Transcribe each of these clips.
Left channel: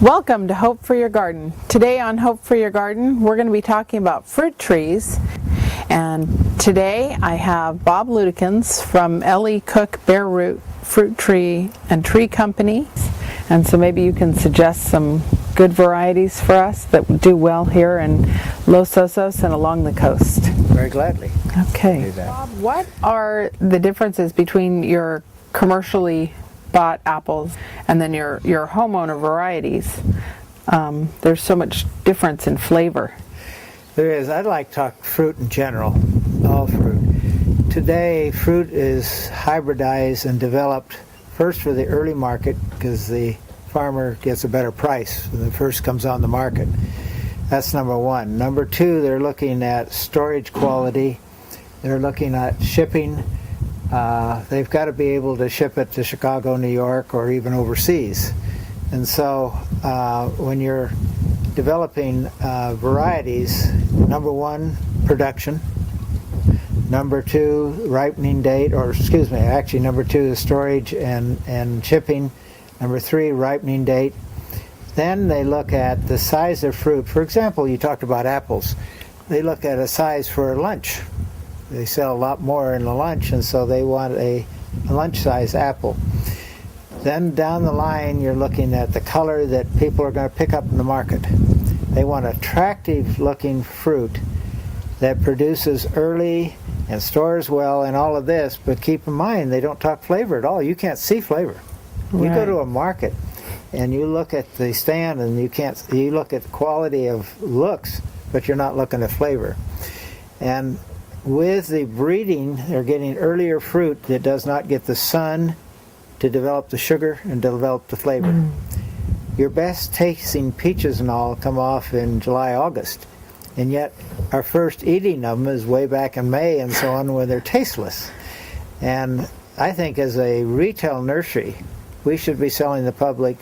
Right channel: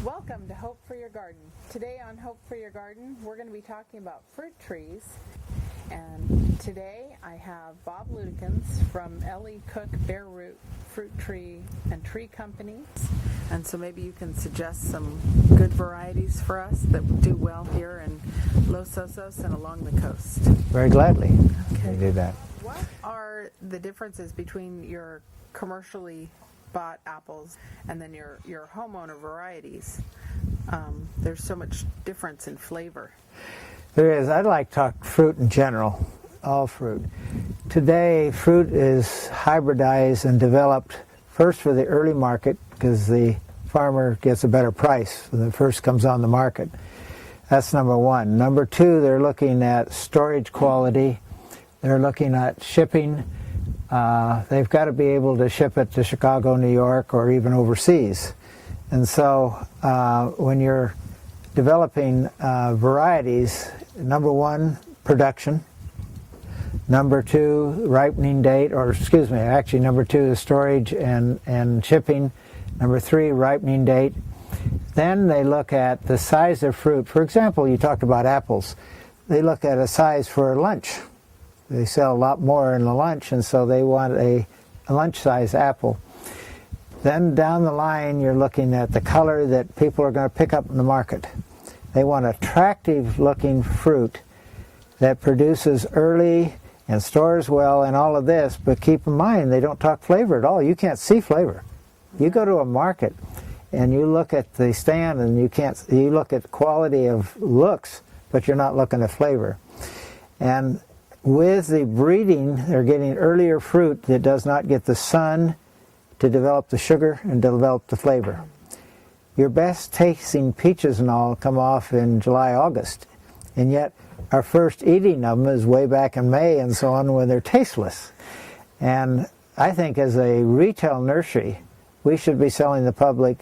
Welcome to Hope for Your Garden. Today on Hope for Your Garden, we're going to be talking about fruit trees. And today I have Bob Ludekins from L.E. Cook Bare Root Fruit Tree and Tree Company. And so maybe you can suggest some good varieties for us that do well here in Los Osos and along the coast. Very gladly. Okay. Bob, what are the differences between your commercially bought apples and then your homeowner varieties? There's so much difference in flavor. There is. I'd like to talk fruit in general, all fruit. Today, fruit is hybridized and developed first for the early market because the farmer gets a better price when it first comes on the market. That's number one. Number two, they're looking at storage quality. They're looking at shipping. They've got to be able to ship it to Chicago, New York, or even overseas. And so when you're developing varieties, number one, production. Number two, ripening date, or excuse me, actually number two is storage and shipping. Number three, ripening date. Then they look at the size of fruit. For example, you talked about apples. They look at a size for a lunch. They sell a lot more in the lunch, and so they want a lunch-size apple. Then down the line, you're looking at the color that people are going to pick up in the market. They want attractive-looking fruit that produces early and stores well and all of this, but keep in mind, they don't talk flavor at all. You can't see flavor. Right. You go to a market, and you look at the stand, and you look at the quality of looks, but you're not looking at flavor. And with the breeding, they're getting earlier fruit that does not get the sun to develop the sugar and develop the flavor. Your best tasting peaches and all come off in July, August, and yet our first eating of them is way back in May and so on, when they're tasteless. And I think as a retail nursery, we should be selling the public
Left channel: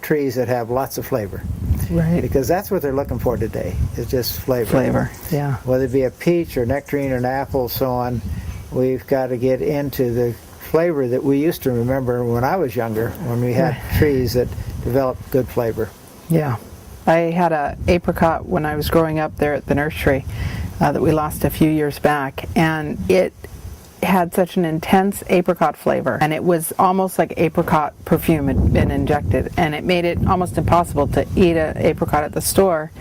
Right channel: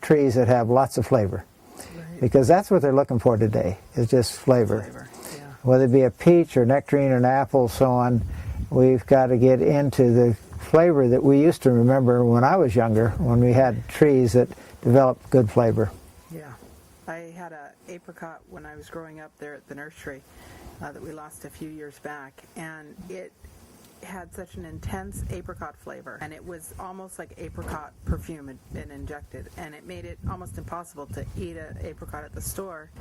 trees that have lots of flavor. Right. Because that's what they're looking for today, is just flavor. Flavor, yeah. Whether it be a peach or nectarine or an apple, so on, we've got to get into the flavor that we used to remember when I was younger, when we had trees that developed good flavor. Yeah. I had an apricot when I was growing up there at the nursery that we lost a few years back, and it had such an intense apricot flavor, and it was almost like apricot perfume had been injected, and it made it almost impossible to eat an apricot at the store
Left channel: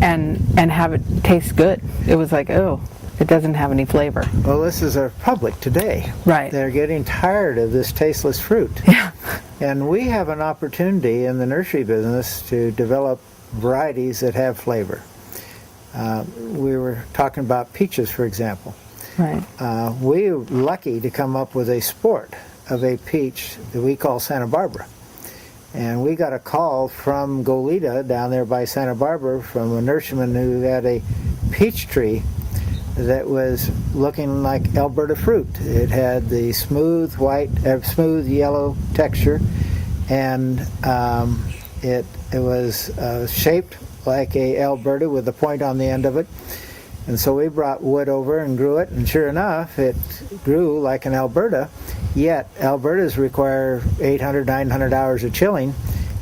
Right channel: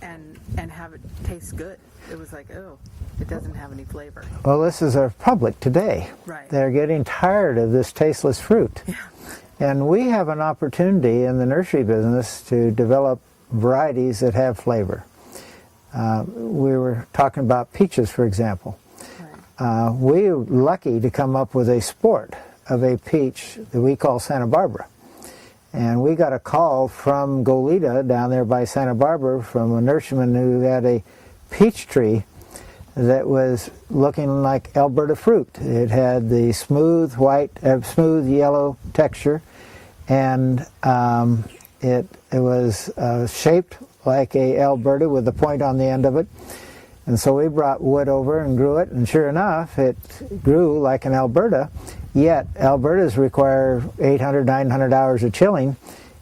and have it taste good. It was like, oh, it doesn't have any flavor. Well, this is our public today. Right. They're getting tired of this tasteless fruit. Yeah. And we have an opportunity in the nursery business to develop varieties that have flavor. We were talking about peaches, for example. Right. We were lucky to come up with a sport of a peach that we call Santa Barbara. And we got a call from Goleta down there by Santa Barbara from a nurseryman who had a peach tree that was looking like Alberta fruit. It had the smooth smooth yellow texture, and it was shaped like a Alberta with a point on the end of it. And so we brought wood over and grew it, and sure enough, it grew like an Alberta, yet Albertas require 800, 900 hours of chilling,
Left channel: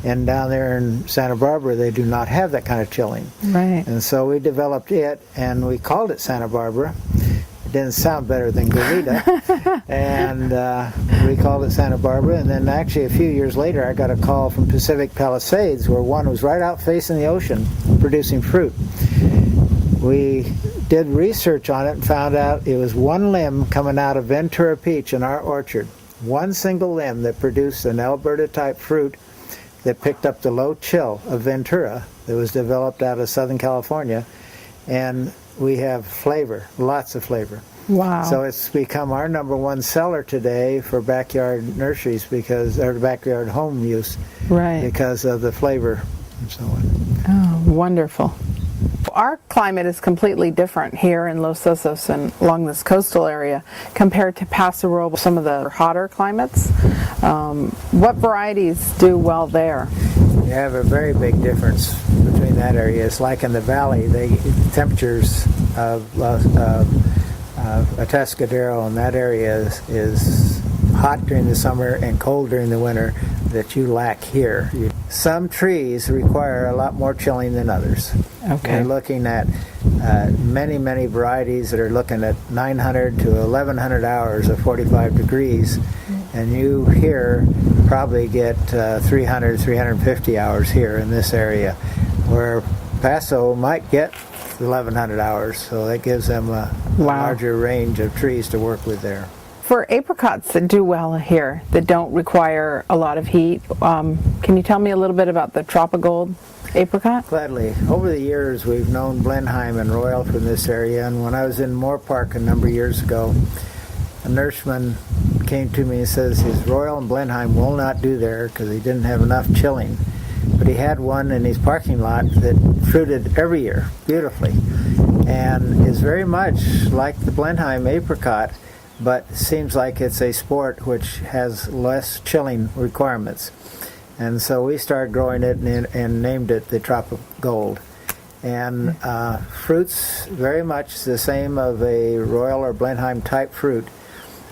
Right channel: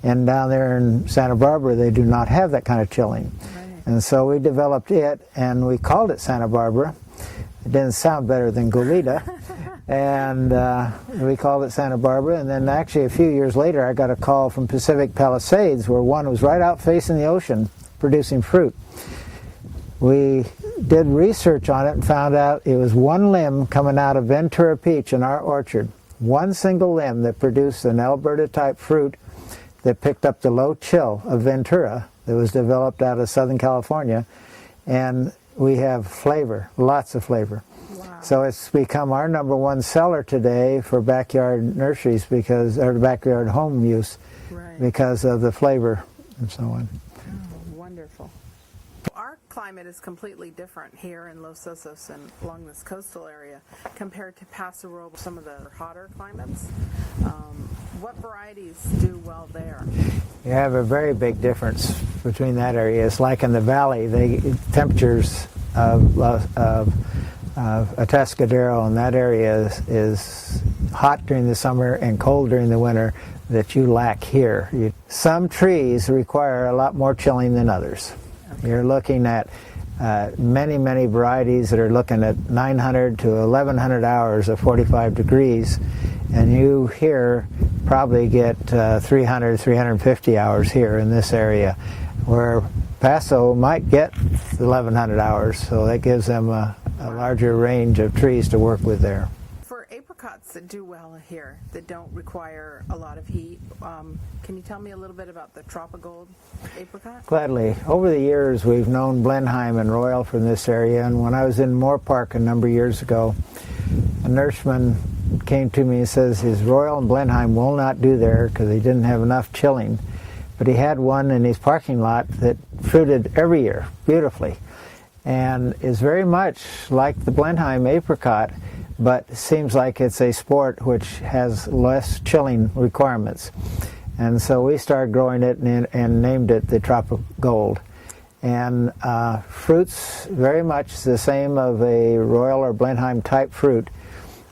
and down there in Santa Barbara, they do not have that kind of chilling. Right. And so we developed it, and we called it Santa Barbara. It didn't sound better than Goleta, and we called it Santa Barbara, and then actually a few years later, I got a call from Pacific Palisades, where one was right out facing the ocean, producing fruit. We did research on it and found out it was one limb coming out of Ventura peach in our orchard. One single limb that produced an Alberta-type fruit that picked up the low chill of Ventura that was developed out of Southern California. And we have flavor, lots of flavor. Wow. So it's become our number one seller today for backyard nurseries or backyard home use, right, because of the flavor and so on. Oh, wonderful. Our climate is completely different here in Los Osos and along this coastal area compared to Paso Robles, some of the hotter climates. What varieties do well there? You have a very big difference between that area. It's like in the valley, the temperatures of Atascadero in that area is hot during the summer and cold during the winter that you lack here. Some trees require a lot more chilling than others. Okay. You're looking at many varieties that are looking at 900 to 1100 hours of 45 degrees, and you here probably get 300, 350 hours here in this area, where Paso might get 1100 hours, so that gives them a larger range of trees to work with there. For apricots that do well here, that don't require a lot of heat, can you tell me a little bit about the Tropigold apricot? Gladly. Over the years, we've known Blenheim and Royal from this area, and when I was in Moore Park a number of years ago, a nurseman came to me and says his Royal and Blenheim will not do there because he didn't have enough chilling. But he had one in his parking lot that fruited every year beautifully, and is very much like the Blenheim apricot, but seems like it's a sport which has less chilling requirements. And so we started growing it and named it the Tropigold. And fruits very much the same of a Royal or Blenheim type fruit,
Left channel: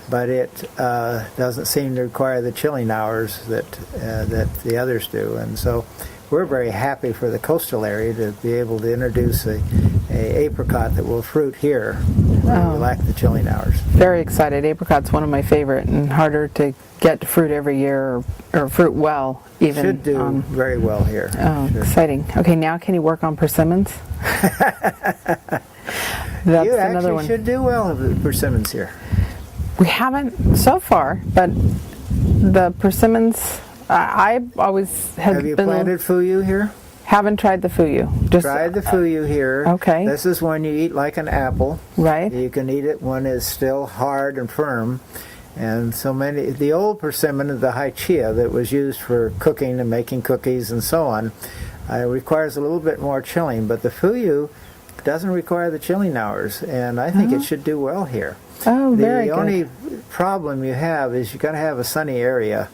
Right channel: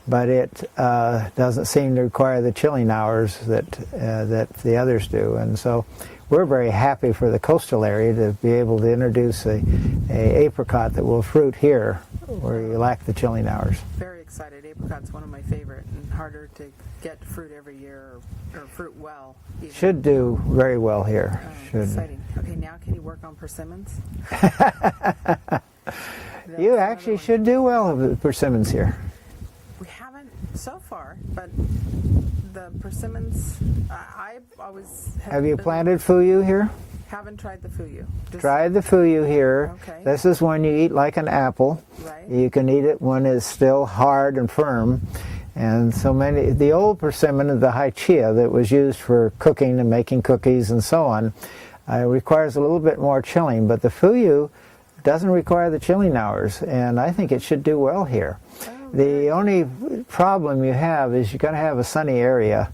but it doesn't seem to require the chilling hours that the others do. And so we're very happy for the coastal area to be able to introduce a apricot that will fruit here where we lack the chilling hours. Very excited. Apricot's one of my favorite and harder to get to fruit every year or fruit well even. Should do very well here. Oh, exciting. Okay, now can you work on persimmons? That's You another actually one. should do well with persimmons here. We haven't so far, but the persimmons, I always Have you planted fuyu here? Haven't tried the fuyu. Just Tried the fuyu here. Okay. This is one you eat like an apple. Right. You can eat it when it's still hard and firm. And so many, the old persimmon, the hychia that was used for cooking and making cookies and so on, requires a little bit more chilling. But the fuyu doesn't require the chilling hours, and I think it should do well here. Oh, very The good. only problem you have is you're going to have a sunny area.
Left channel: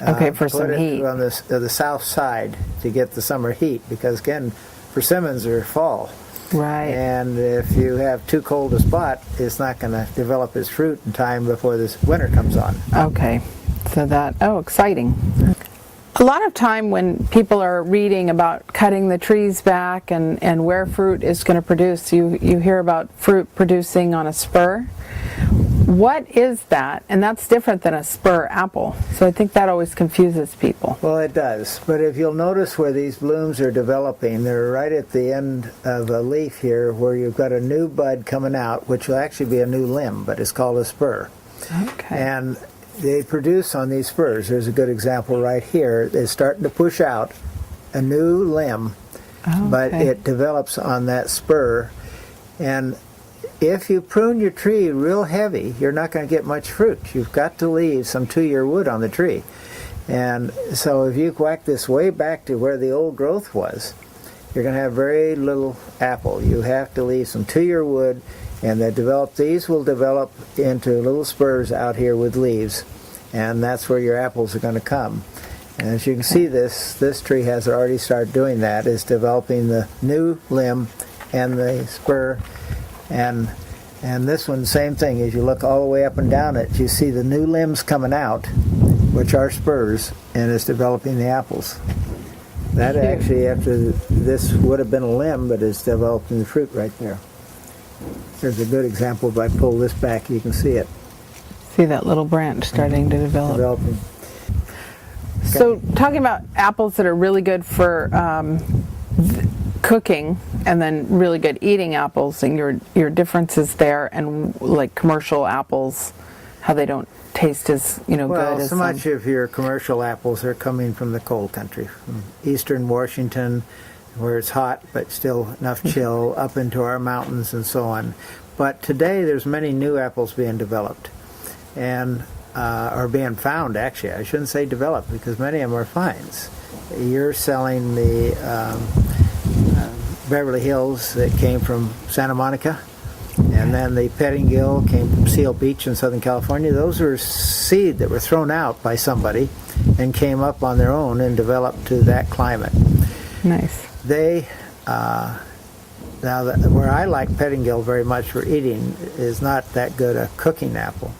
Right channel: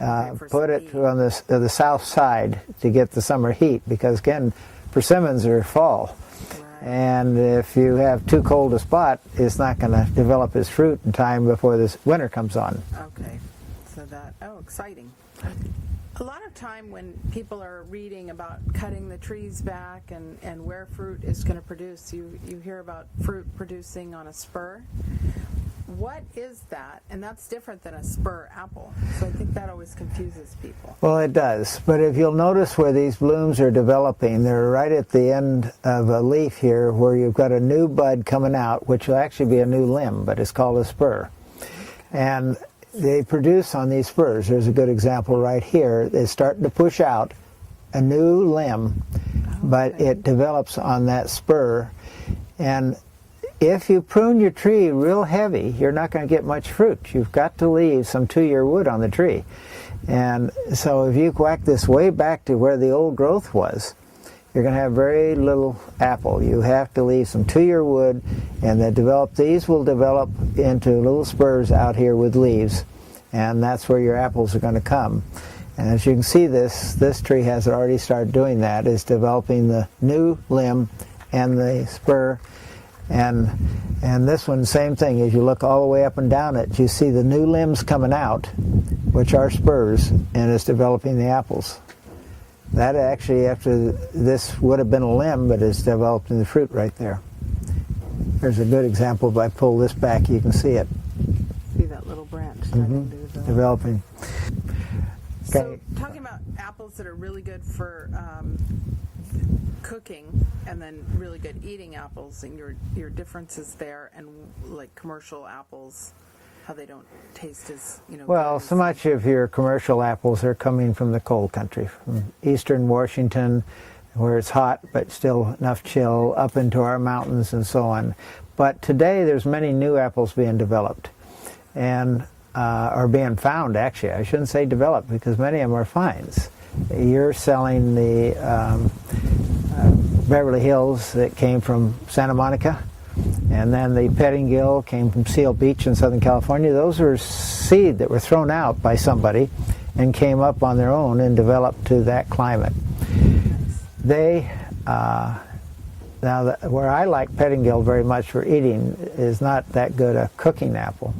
Okay, for some Put it heat. on the south side to get the summer heat, because again, persimmons are fall. Right. And if you have too cold a spot, it's not going to develop its fruit in time before this winter comes on. Okay. So that, exciting. A lot of time when people are reading about cutting the trees back and where fruit is going to produce, you hear about fruit producing on a spur. What is that? And that's different than a spur apple. So I think that always confuses people. Well, it does. But if you'll notice where these blooms are developing, they're right at the end of a leaf here where you've got a new bud coming out, which will actually be a new limb, but it's called a spur. Okay. And they produce on these spurs. There's a good example right here. They're starting to push out a new limb, but it develops on that spur. And if you prune your tree real heavy, you're not going to get much fruit. You've got to leave some 2-year wood on the tree. And so if you whack this way back to where the old growth was, you're going to have very little apple. You have to leave some 2-year wood, and these will develop into little spurs out here with leaves, and that's where your apples are going to come. And as you can see, this tree has already started doing that. It's developing the new limb and the spur. And this one, same thing. As you look all the way up and down it, you see the new limbs coming out, which are spurs, and it's developing the apples. That actually, after this would have been a limb, but it's developing the fruit right there. There's a good example. If I pull this back, you can see it. See that little branch starting to develop. Developing. So talking about apples that are really good for cooking and then really good eating apples, and your differences there, and like commercial apples, how they don't taste as good as so much of your commercial apples are coming from the cold country, from eastern Washington, where it's hot but still enough chill, up into our mountains and so on. But today there's many new apples being developed, and are being found, actually. I shouldn't say developed, because many of them are finds. You're selling the Beverly Hills that came from Santa Monica, and then the Pettingill came from Seal Beach in Southern California. Those are seed that were thrown out by somebody and came up on their own and developed to that climate. Nice. They, where I like Pettingill very much for eating, is not that good a cooking apple.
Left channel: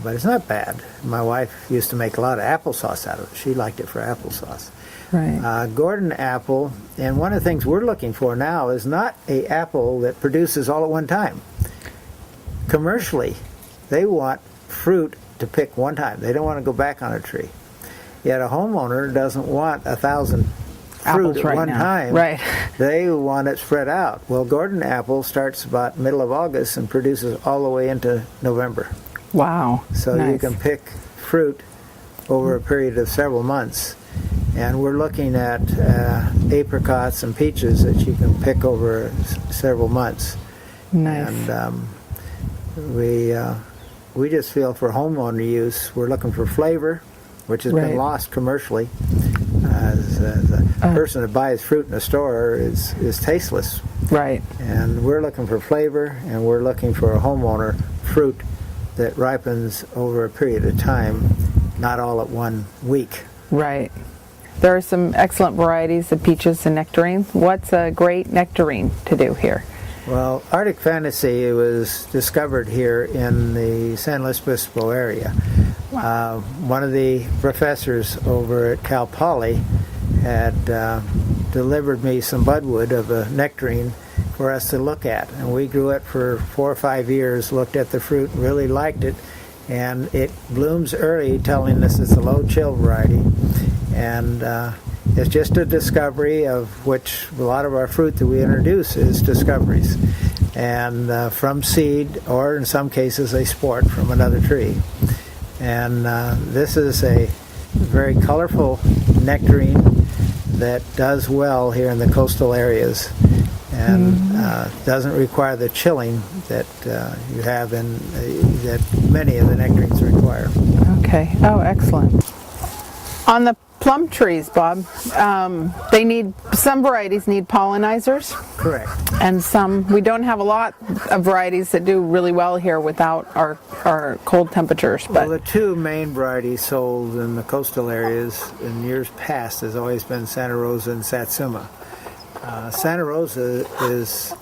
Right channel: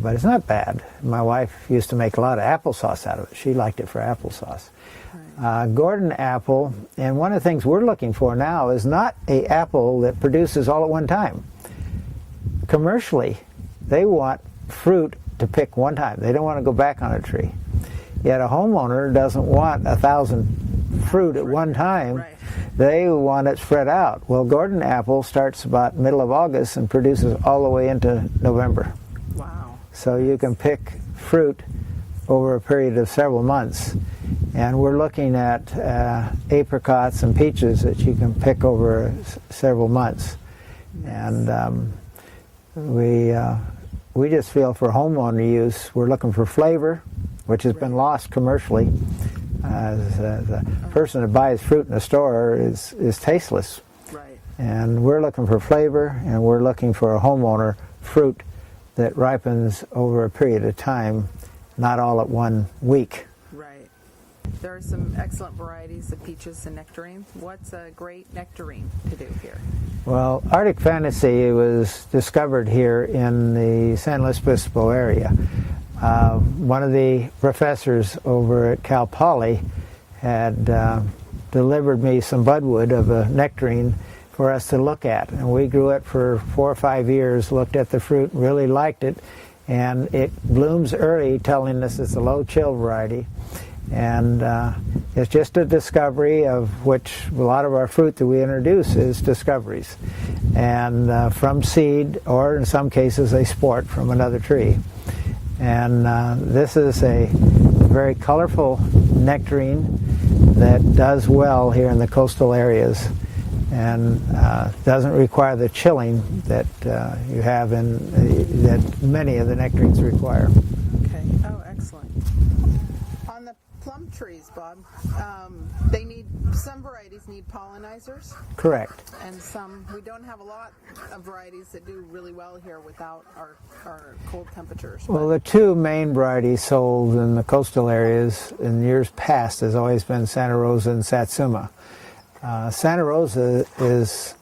but it's not bad. My wife used to make a lot of applesauce out of it. She liked it for applesauce. Right. Gordon apple, and one of the things we're looking for now is not a apple that produces all at one time. Commercially, they want fruit to pick one time. They don't want to go back on a tree. Yet a homeowner doesn't want 1,000 fruit at one time. Right. They want it spread out. Well, Gordon apple starts about middle of August and produces all the way into November. Wow. So nice. you can pick fruit over a period of several months. And we're looking at apricots and peaches that you can pick over several months. Nice. And we just feel for homeowner use, we're looking for flavor, which has been lost commercially. As a person that buys fruit in a store is tasteless. Right. And we're looking for flavor, and we're looking for a homeowner fruit that ripens over a period of time, not all at 1 week. Right. There are some excellent varieties of peaches and nectarines. What's a great nectarine to do here? Well, Arctic Fantasy was discovered here in the San Luis Obispo area. Wow. One of the professors over at Cal Poly had delivered me some budwood of a nectarine for us to look at. And we grew it for 4 or 5 years, looked at the fruit, really liked it. And it blooms early, telling us it's a low chill variety. And it's just a discovery, of which a lot of our fruit that we introduce is discoveries. And from seed, or in some cases a sport from another tree. And this is a very colorful nectarine that does well here in the coastal areas, and doesn't require the chilling that you have in that many of the nectarines require. Okay. Oh, excellent. On the plum trees, Bob, some varieties need pollinizers. Correct. And some, we don't have a lot of varieties that do really well here without our cold temperatures. But Well, the two main varieties sold in the coastal areas in years past has always been Santa Rosa and Satsuma. Santa Rosa is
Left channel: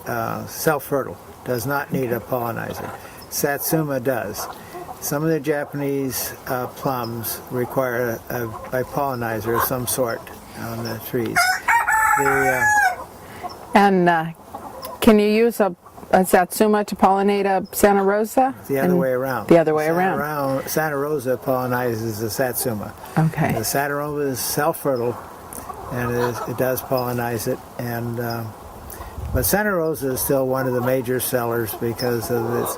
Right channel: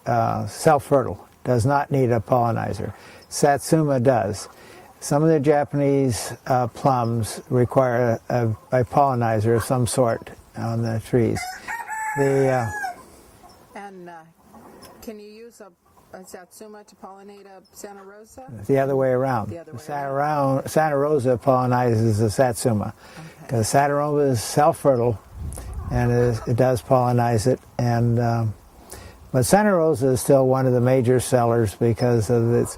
self-fertile, does not need a pollinizer. Satsuma does. Some of the Japanese plums require a pollinizer of some sort on the trees. Can you use a Satsuma to pollinate a Santa Rosa? The other way around. The other way around. Santa Rosa pollinizes the Satsuma. Okay. The Santa Rosa is self-fertile, and it does pollinize it. But Santa Rosa is still one of the major sellers because of its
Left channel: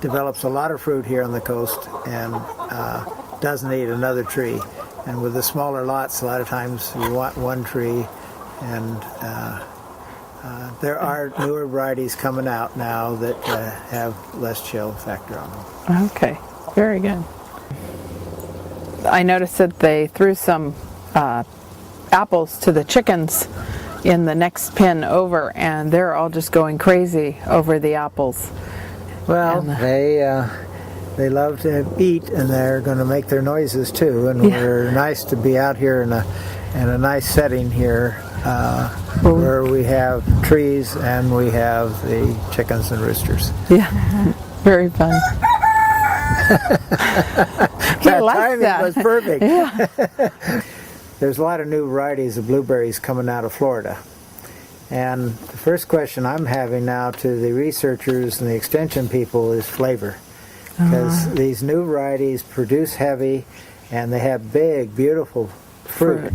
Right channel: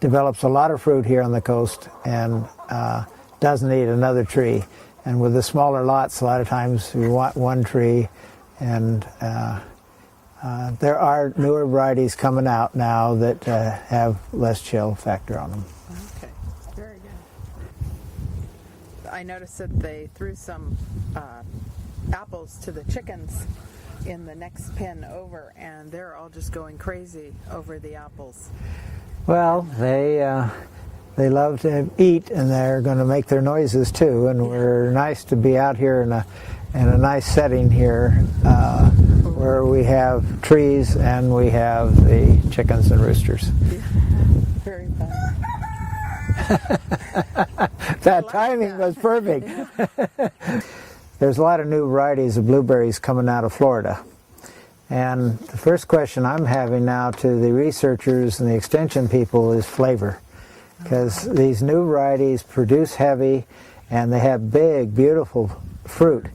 develops a lot of fruit here on the coast and doesn't need another tree. And with the smaller lots, a lot of times you want one tree. And there are newer varieties coming out now that have less chill factor on them. Okay, very good. I noticed that they threw some apples to the chickens in the next pen over, and they're all just going crazy over the apples. Well, they love to eat, and they're going to make their noises too. And we're nice to be out here in a nice setting here, where we have trees and we have the chickens and roosters. Yeah, very fun. That timing was perfect. Yeah. There's a lot of new varieties of blueberries coming out of Florida. And the first question I'm having now to the researchers and the extension people is flavor. Because these new varieties produce heavy, and they have big, beautiful fruit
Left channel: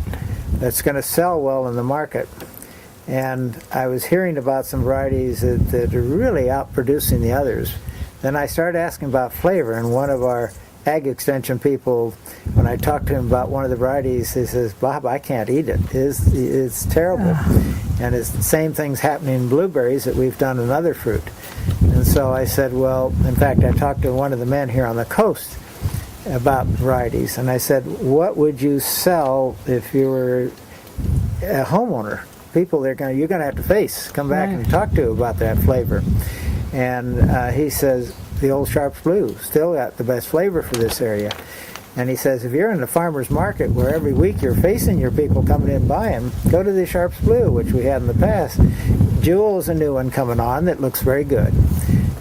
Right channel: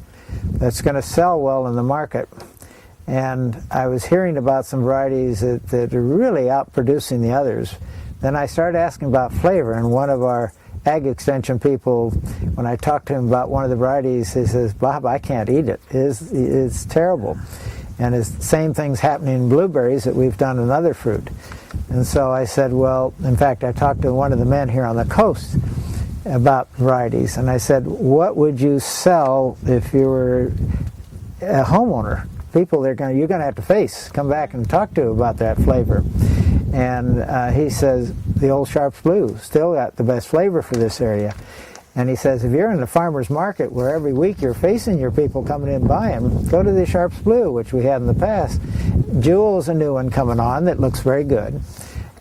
that's going to sell well in the market. And I was hearing about some varieties that are really outproducing the others. Then I started asking about flavor, and one of our ag extension people, when I talked to him about one of the varieties, he says, "Bob, I can't eat it. It's terrible." And it's the same thing's happening in blueberries that we've done in other fruit. And so I said, well, in fact, I talked to one of the men here on the coast about varieties, and I said, what would you sell if you were a homeowner? People you're going to have to come back and talk to about that flavor. And he says, the Old Sharps Blue still got the best flavor for this area. And he says, if you're in the farmer's market where every week you're facing your people coming in buying, go to the Sharps Blue, which we had in the past. Jewel's a new one coming on that looks very good.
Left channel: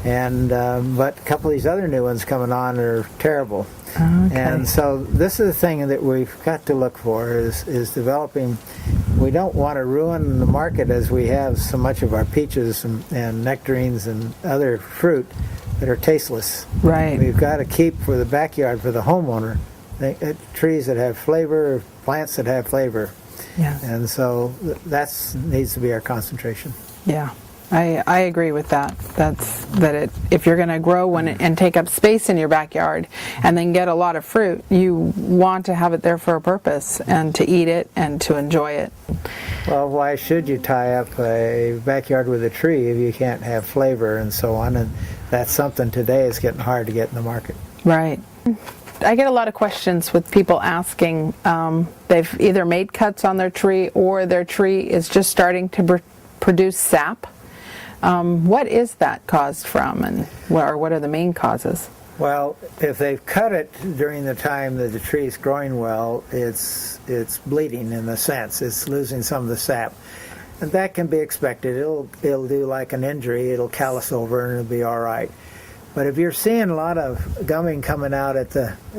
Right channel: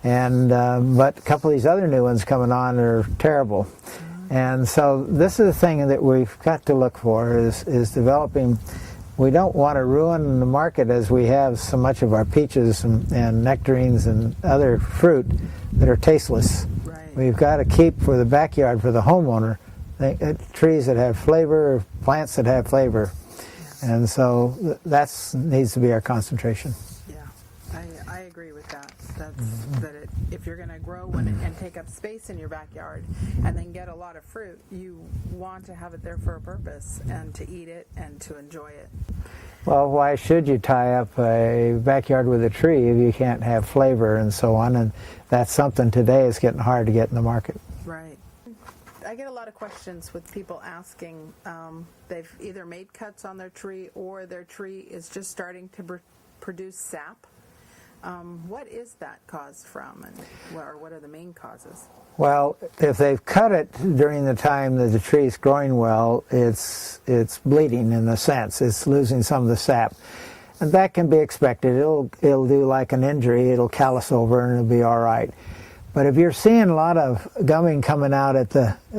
and but a couple of these other new ones coming on are terrible. Okay. And so this is the thing that we've got to look for is developing. We don't want to ruin the market as we have so much of our peaches and nectarines and other fruit that are tasteless. Right. We've got to keep for the backyard, for the homeowner, trees that have flavor, plants that have flavor. Yeah. And so that needs to be our concentration. Yeah. I agree with that. If you're going to grow and take up space in your backyard and then get a lot of fruit, you want to have it there for a purpose and to eat it and to enjoy it. Well, why should you tie up a backyard with a tree if you can't have flavor and so on? And that's something today is getting hard to get in the market. Right. I get a lot of questions with people asking, they've either made cuts on their tree or their tree is just starting to produce sap. What is that caused from, and what are the main causes? Well, if they've cut it during the time that the tree is growing well, it's bleeding in a sense. It's losing some of the sap. And that can be expected. It'll do like an injury. It'll callus over and it'll be all right. But if you're seeing a lot of gumming coming out at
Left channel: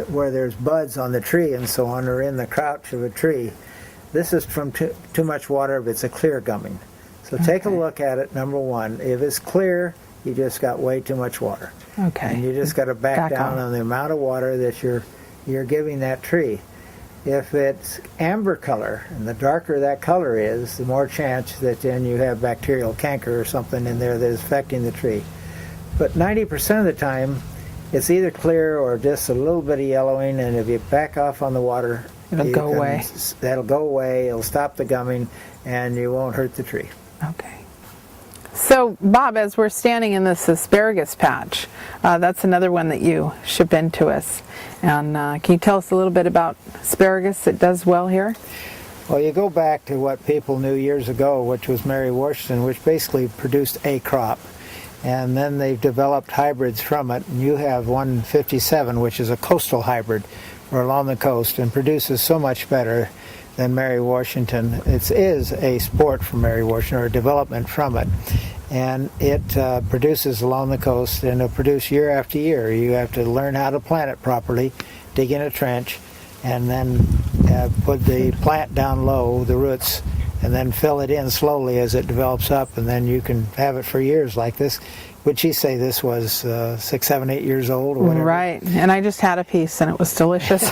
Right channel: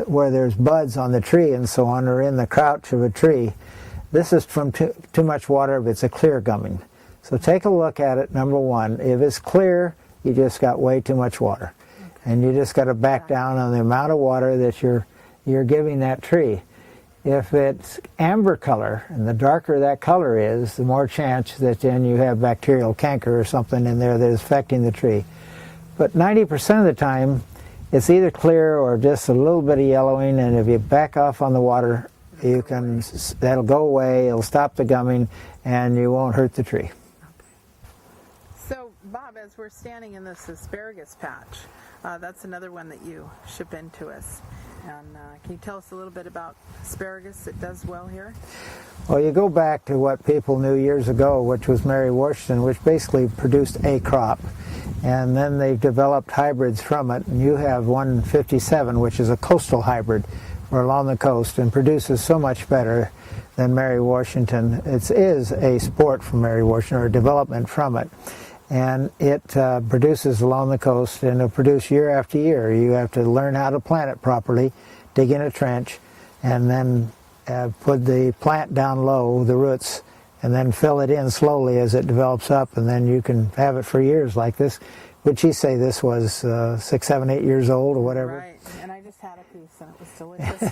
where there's buds on the tree and so on, or in the crouch of a tree, this is from too much water if it's a clear gumming. So take a look at it, number one. If it's clear, you just got way too much water. Okay. And you just got to back down on the amount of water that you're giving that tree. If it's amber color, and the darker that color is, the more chance that then you have bacterial canker or something in there that is affecting the tree. But 90% of the time, it's either clear or just a little bit of yellowing, and if you back off on the water, that'll go away. It'll stop the gumming, and you won't hurt the tree. Okay. So, Bob, as we're standing in this asparagus patch, that's another one that you ship in to us. And can you tell us a little bit about asparagus that does well here? Well, you go back to what people knew years ago, which was Mary Washington, which basically produced a crop. And then they've developed hybrids from it. And you have 157, which is a coastal hybrid, or along the coast, and produces so much better than Mary Washington. It is a sport from Mary Washington, or a development from it. And it produces along the coast, and it'll produce year after year. You have to learn how to plant it properly, dig in a trench, and then put the plant down low, the roots, and then fill it in slowly as it develops up, and then you can have it for years like this. Would she say this was 6, 7, 8 years old or whatever? Right, and I just had a piece and it was delicious.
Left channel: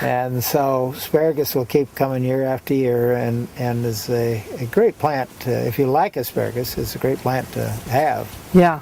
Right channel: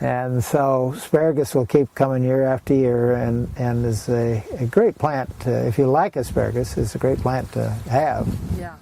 And so asparagus will keep coming year after year, and is a great plant. If you like asparagus, it's a great plant to have. Yeah,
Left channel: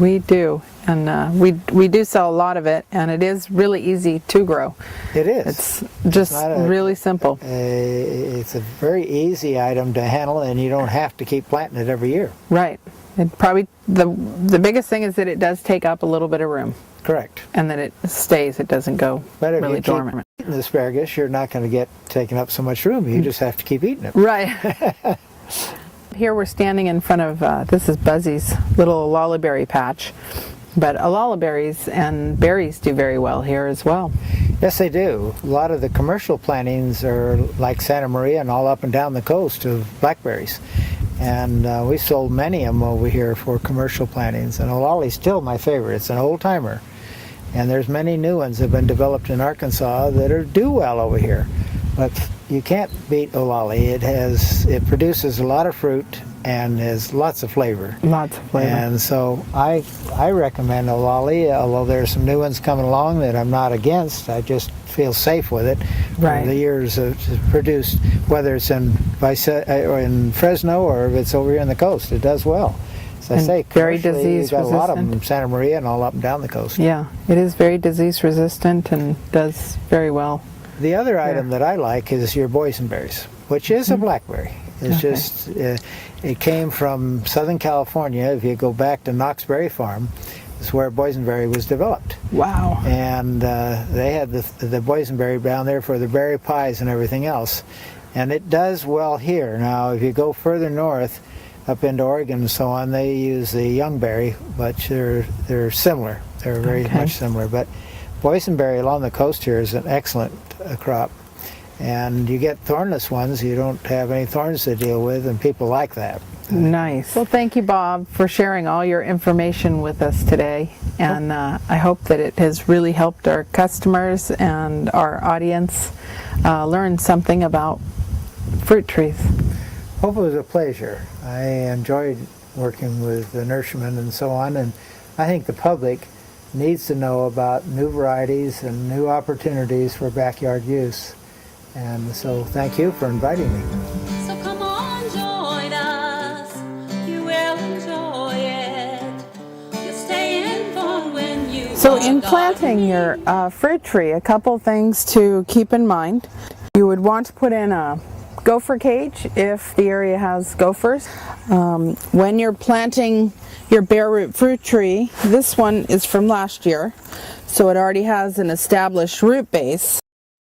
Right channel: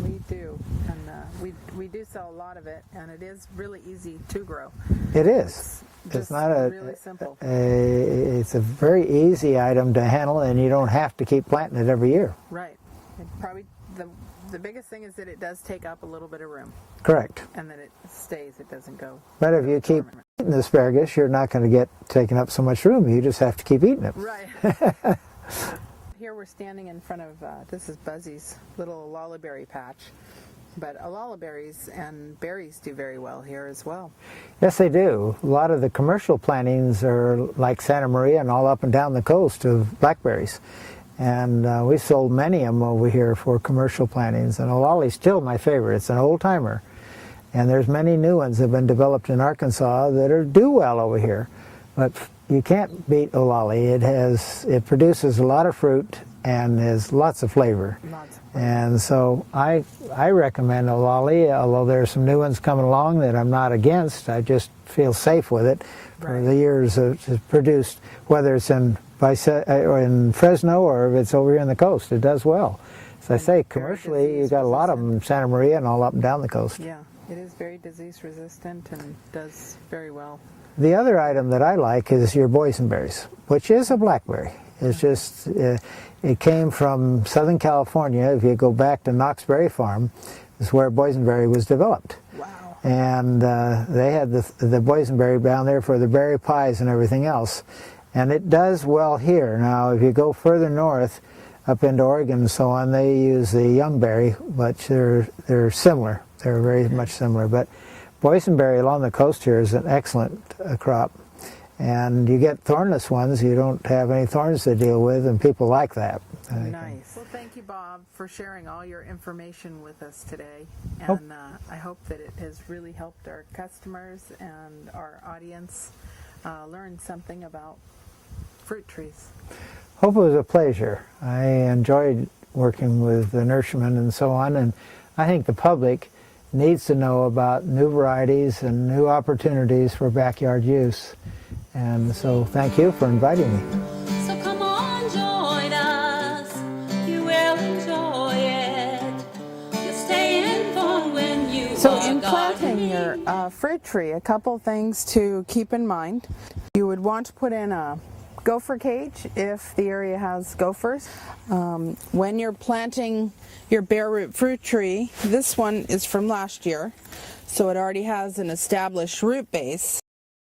we do. And we do sell a lot of it, and it is really easy to grow. It is. It's just really simple. It's a very easy item to handle, and you don't have to keep planting it every year. Right. It probably the biggest thing is that it does take up a little bit of room. Correct. And that it stays. It doesn't go but if really you dormant. Keep eating asparagus, you're not going to get taken up so much room. You just have to keep eating it. Right. Here we're standing in front of this is Buzzy's little lollyberry patch. But lollyberries and berries do very well here as well. Yes, they do. A lot of the commercial plantings are like Santa Maria and all up and down the coast of blackberries. And we sold many of them over here for commercial plantings. And lolly's still my favorite. It's an old timer. And there's many new ones that have been developed in Arkansas that do well over here. But you can't beat lolly. It produces a lot of fruit and has lots of flavor. Lots of flavor. And so I recommend lolly, although there are some new ones coming along that I'm not against. I just feel safe with it. Right. For the years it's produced, whether it's in Fresno or if it's over here on the coast, it does well. As I say, very commercially, disease you've got a lot of resistant. them in Santa Maria and all up and down the coast. Yeah, it is very disease resistant and does very well. The other item that I like is your boysenberries, which is a blackberry. It's just, it came from Southern California. If you go back to Knox Berry Farm, is where boysenberry was developed. Wow. And they had the boysenberry down there for the berry pies and everything else. And it does well here. Now, if you go further north, up into Oregon and so on, they use the youngberry, but they're similar. They're very much similar. But boysenberry along the coast here is an excellent crop. And you get thornless ones, you don't have any thorns to deal with, and people like that. Nice. Well, thank you, Bob, for sharing all your information with us today. And I hope that it has really helped our customers and our audience learn something about fruit trees. Hope it was a pleasure. I enjoyed working with the nurserymen and so on, and I think the public needs to know about new varieties and new opportunities for backyard use. And so thank you for inviting me. So come on, join us. You will enjoy it. You'll stay informed when you So are in planting gardening. your fruit tree, a couple things to keep in mind. You would want to put in a gopher cage if the area has gophers. When you're planting your bare root fruit tree, this one is from last year, so it already has an established root base.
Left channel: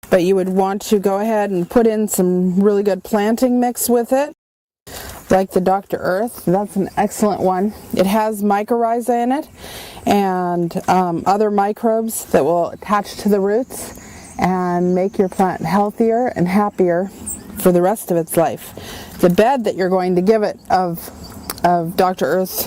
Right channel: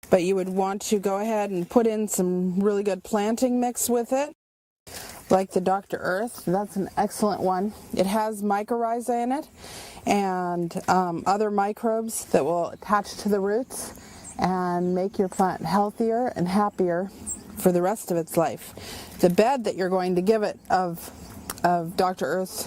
But you would want to go ahead and put in some really good planting mix with it, like the Dr. Earth. That's an excellent one. It has mycorrhiza in it and other microbes that will attach to the roots and make your plant healthier and happier for the rest of its life. The bed that you're going to give it of Dr. Earth's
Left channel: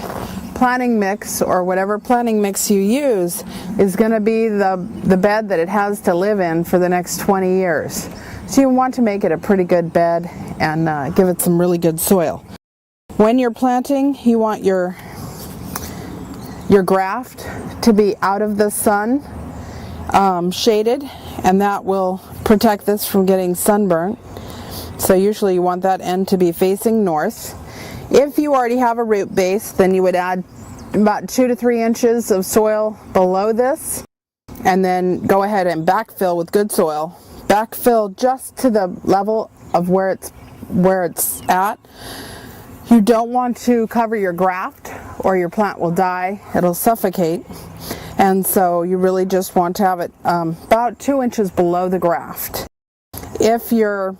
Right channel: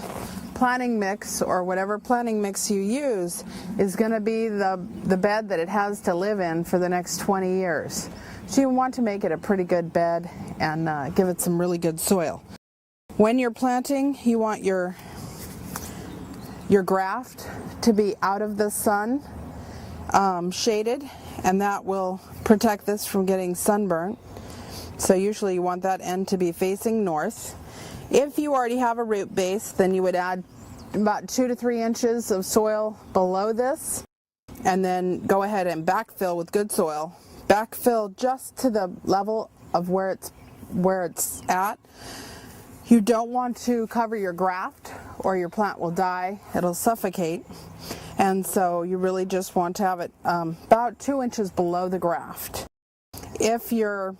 planting mix, or whatever planting mix you use, is going to be the bed that it has to live in for the next 20 years. So you want to make it a pretty good bed and give it some really good soil. When you're planting, you want your graft to be out of the sun, shaded, and that will protect this from getting sunburnt. So usually you want that end to be facing north. If you already have a root base, then you would add about 2 to 3 inches of soil below this, and then go ahead and backfill with good soil. Backfill just to the level of where it's at. You don't want to cover your graft or your plant will die. It'll suffocate. And so you really just want to have it about 2 inches below the graft. If you're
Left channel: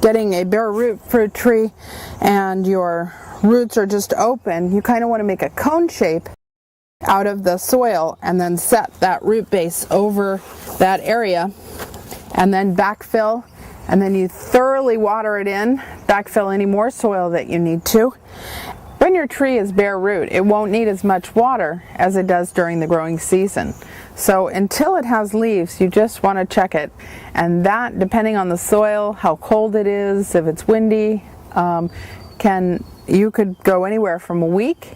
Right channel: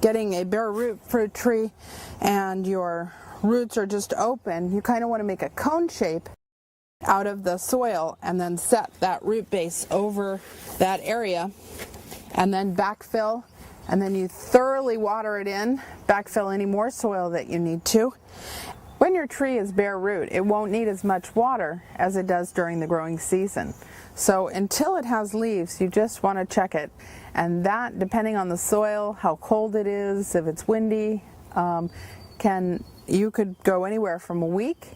getting a bare root fruit tree and your roots are just open, you kind of want to make a cone shape out of the soil and then set that root base over that area and then backfill, and then you thoroughly water it in, backfill any more soil that you need to. When your tree is bare root, it won't need as much water as it does during the growing season. So until it has leaves, you just want to check it. And that, depending on the soil, how cold it is, if it's windy, you could go anywhere from a week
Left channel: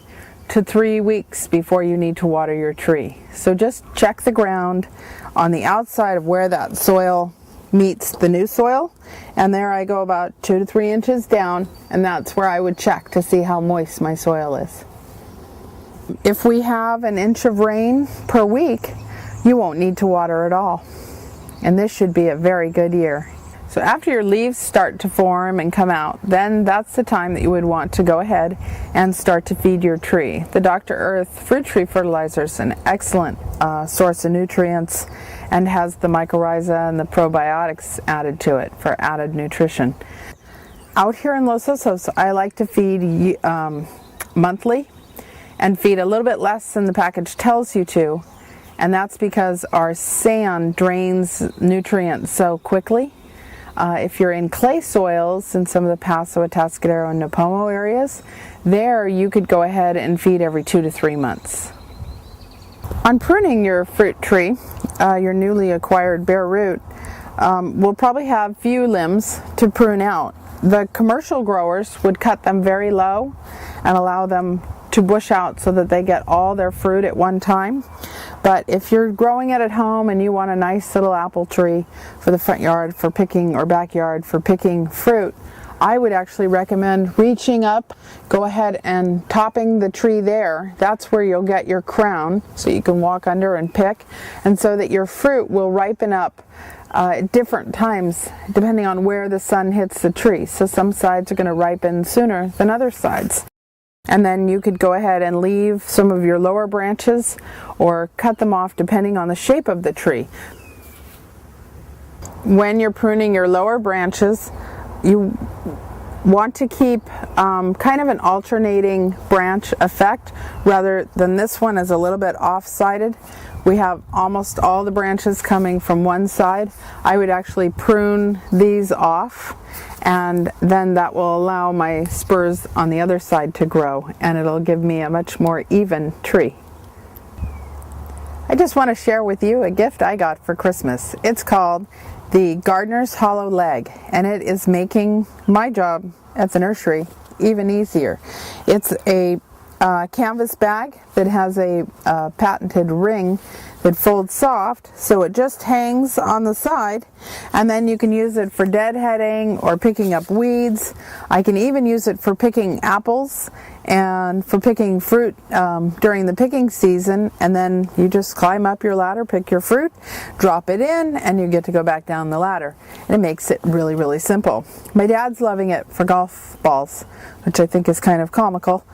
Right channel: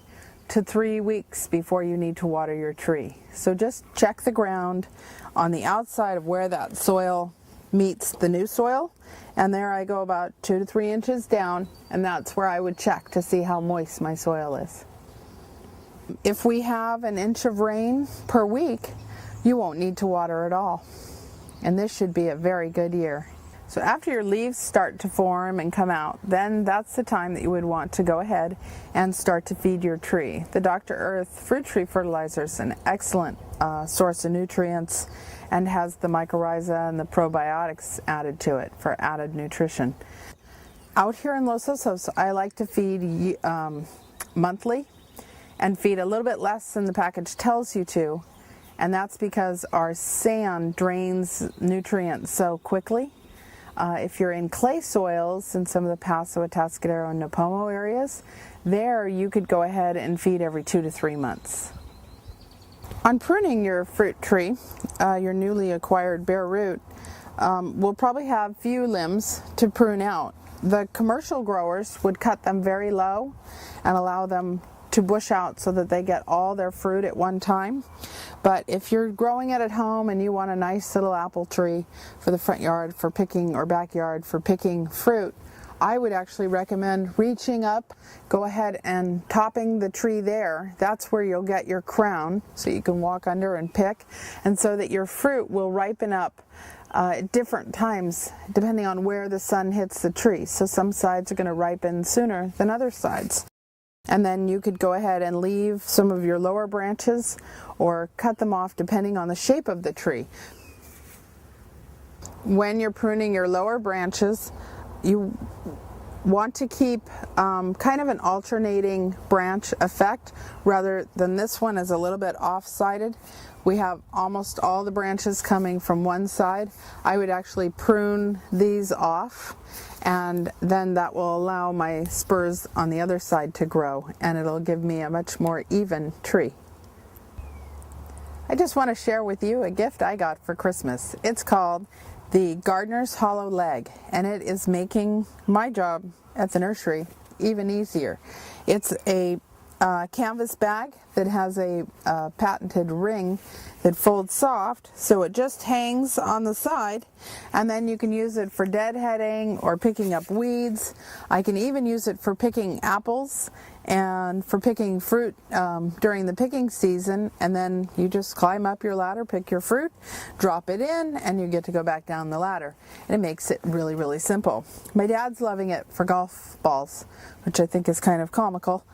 to 3 weeks before you need to water your tree. So just check the ground on the outside of where that soil meets the new soil, and there I go about 2 to 3 inches down, and that's where I would check to see how moist my soil is. If we have an inch of rain per week, you won't need to water at all, and this should be a very good year. So after your leaves start to form and come out, then that's the time that you would want to go ahead and start to feed your tree. The Dr. Earth fruit tree fertilizer is an excellent source of nutrients and has the mycorrhiza and the probiotics added to it for added nutrition. Out here in Los Osos, I like to feed monthly and feed a little bit less than the package tells you to, and that's because our sand drains nutrients so quickly. If you're in clay soils in some of the Paso, Atascadero, and Napomo areas, there you could go ahead and feed every 2 to 3 months. On pruning your fruit tree, your newly acquired bare root, will probably have few limbs to prune out. The commercial growers would cut them very low and allow them to bush out so that they get all their fruit at one time. But if you're growing it at home and you want a nice little apple tree for the front yard for picking, or backyard for picking fruit, I would actually recommend reaching up, go ahead and topping the tree there. That's where you'll get your crown, so you can walk under and pick, and so that your fruit will ripen up at different times depending on where the sun hits the tree. So some sides are going to ripen sooner than other sides. And then you could go ahead and leave some of your lower branches or cut them off depending on the shape of the tree. When you're pruning your lower branches, you want to keep kind of an alternating branch effect rather than this one is a little bit off-sided. We have almost all the branches coming from one side. I would actually prune these off, and then that will allow my spurs on the other side to grow, and it'll give me a much more even tree. I just want to share with you a gift I got for Christmas. It's called the Gardener's Hollow Leg, and it is making my job at the nursery even easier. It's a canvas bag that has a patented ring that folds soft, so it just hangs on the side, and then you can use it for deadheading or picking up weeds. I can even use it for picking apples and for picking fruit during the picking season, and then you just climb up your ladder, pick your fruit, drop it in, and you get to go back down the ladder. And it makes it really, really simple. My dad's loving it for golf balls, which I think is kind of comical.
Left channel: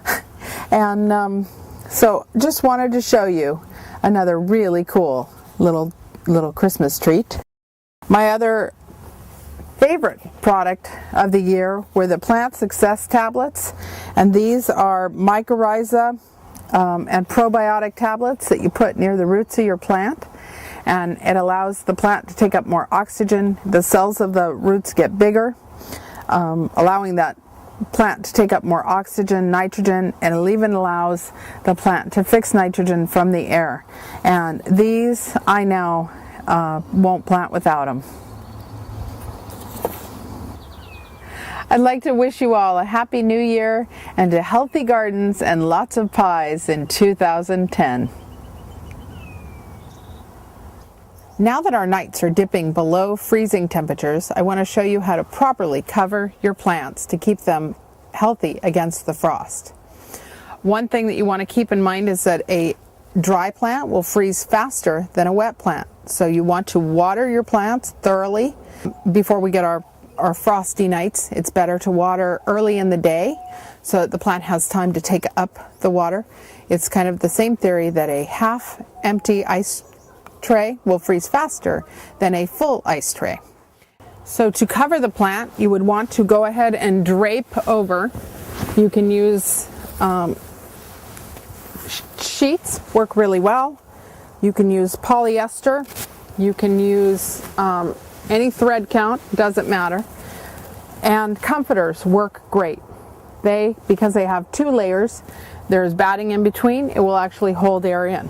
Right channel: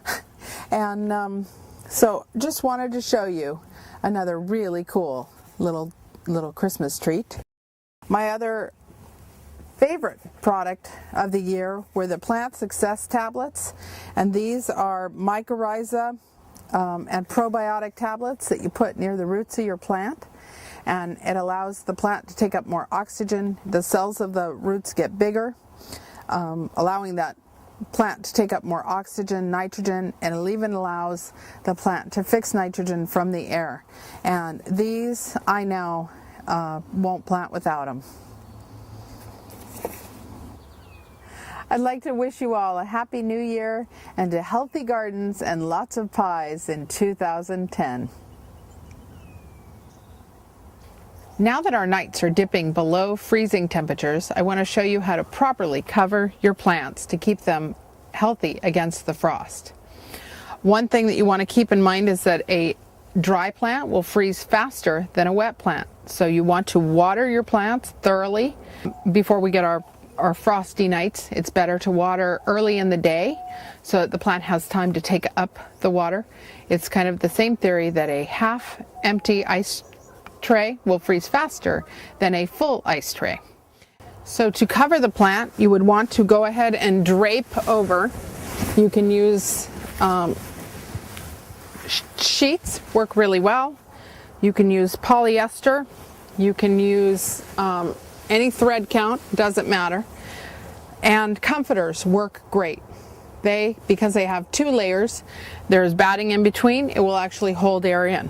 And so just wanted to show you another really cool little Christmas treat. My other favorite product of the year were the Plant Success tablets, and these are mycorrhiza and probiotic tablets that you put near the roots of your plant, and it allows the plant to take up more oxygen. The cells of the roots get bigger, allowing that plant to take up more oxygen, nitrogen, and it even allows the plant to fix nitrogen from the air. And these I now won't plant without them. I'd like to wish you all a happy new year and to healthy gardens and lots of pies in 2010. Now that our nights are dipping below freezing temperatures, I want to show you how to properly cover your plants to keep them healthy against the frost. One thing that you want to keep in mind is that a dry plant will freeze faster than a wet plant. So you want to water your plants thoroughly before we get our frosty nights. It's better to water early in the day so that the plant has time to take up the water. It's kind of the same theory that a half empty ice tray will freeze faster than a full ice tray. So to cover the plant, you would want to go ahead and drape over. You can use sheets, work really well. You can use polyester. You can use any thread count, doesn't matter. And comforters work great. Because they have two layers, there's batting in between, it will actually hold air in.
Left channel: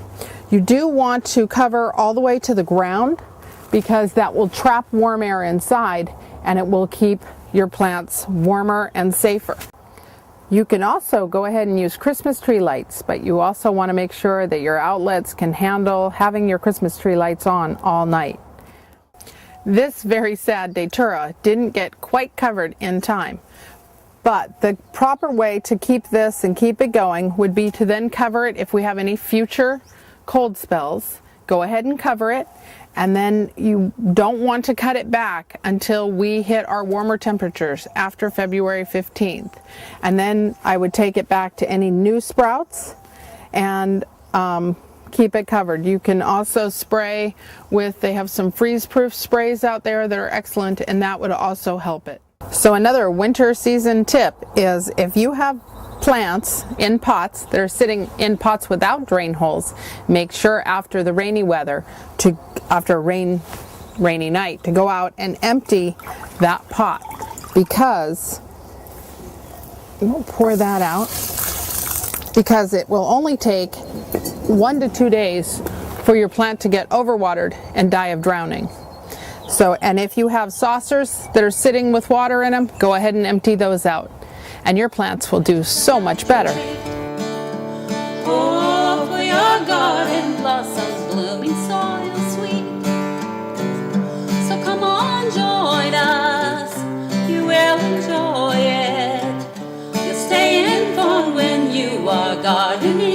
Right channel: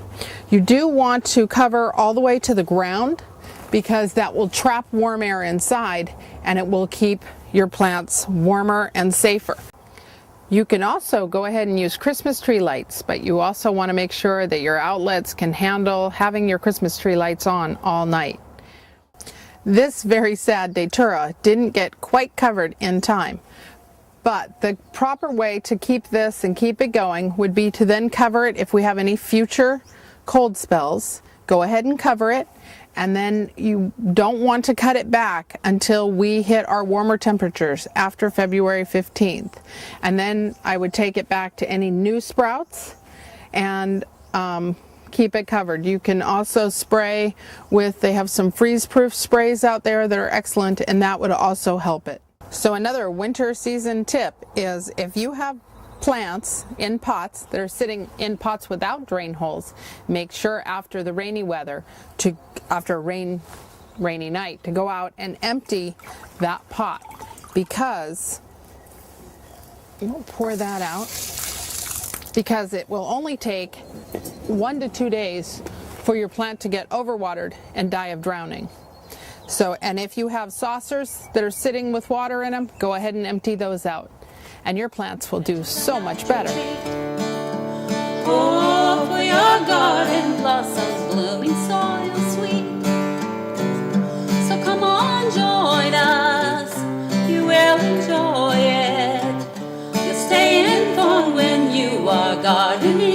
You do want to cover all the way to the ground because that will trap warm air inside and it will keep your plants warmer and safer. You can also go ahead and use Christmas tree lights, but you also want to make sure that your outlets can handle having your Christmas tree lights on all night. This very sad Datura didn't get quite covered in time. But the proper way to keep this and keep it going would be to then cover it if we have any future cold spells. Go ahead and cover it, and then you don't want to cut it back until we hit our warmer temperatures after February 15th. And then I would take it back to any new sprouts and keep it covered. You can also spray they have some freeze-proof sprays out there that are excellent, and that would also help it. So another winter season tip is if you have plants in pots that are sitting in pots without drain holes, make sure after the rainy weather, after a rainy night, to go out and empty that pot, because we'll pour that out, because it will only take 1 to 2 days for your plant to get overwatered and die of drowning. So, and if you have saucers that are sitting with water in them, go ahead and empty those out, and your plants will do so much better. Oh, for your garden blossoms blooming soil sweet. So come on, join us, you will enjoy it. You'll stay informed when you are gardening.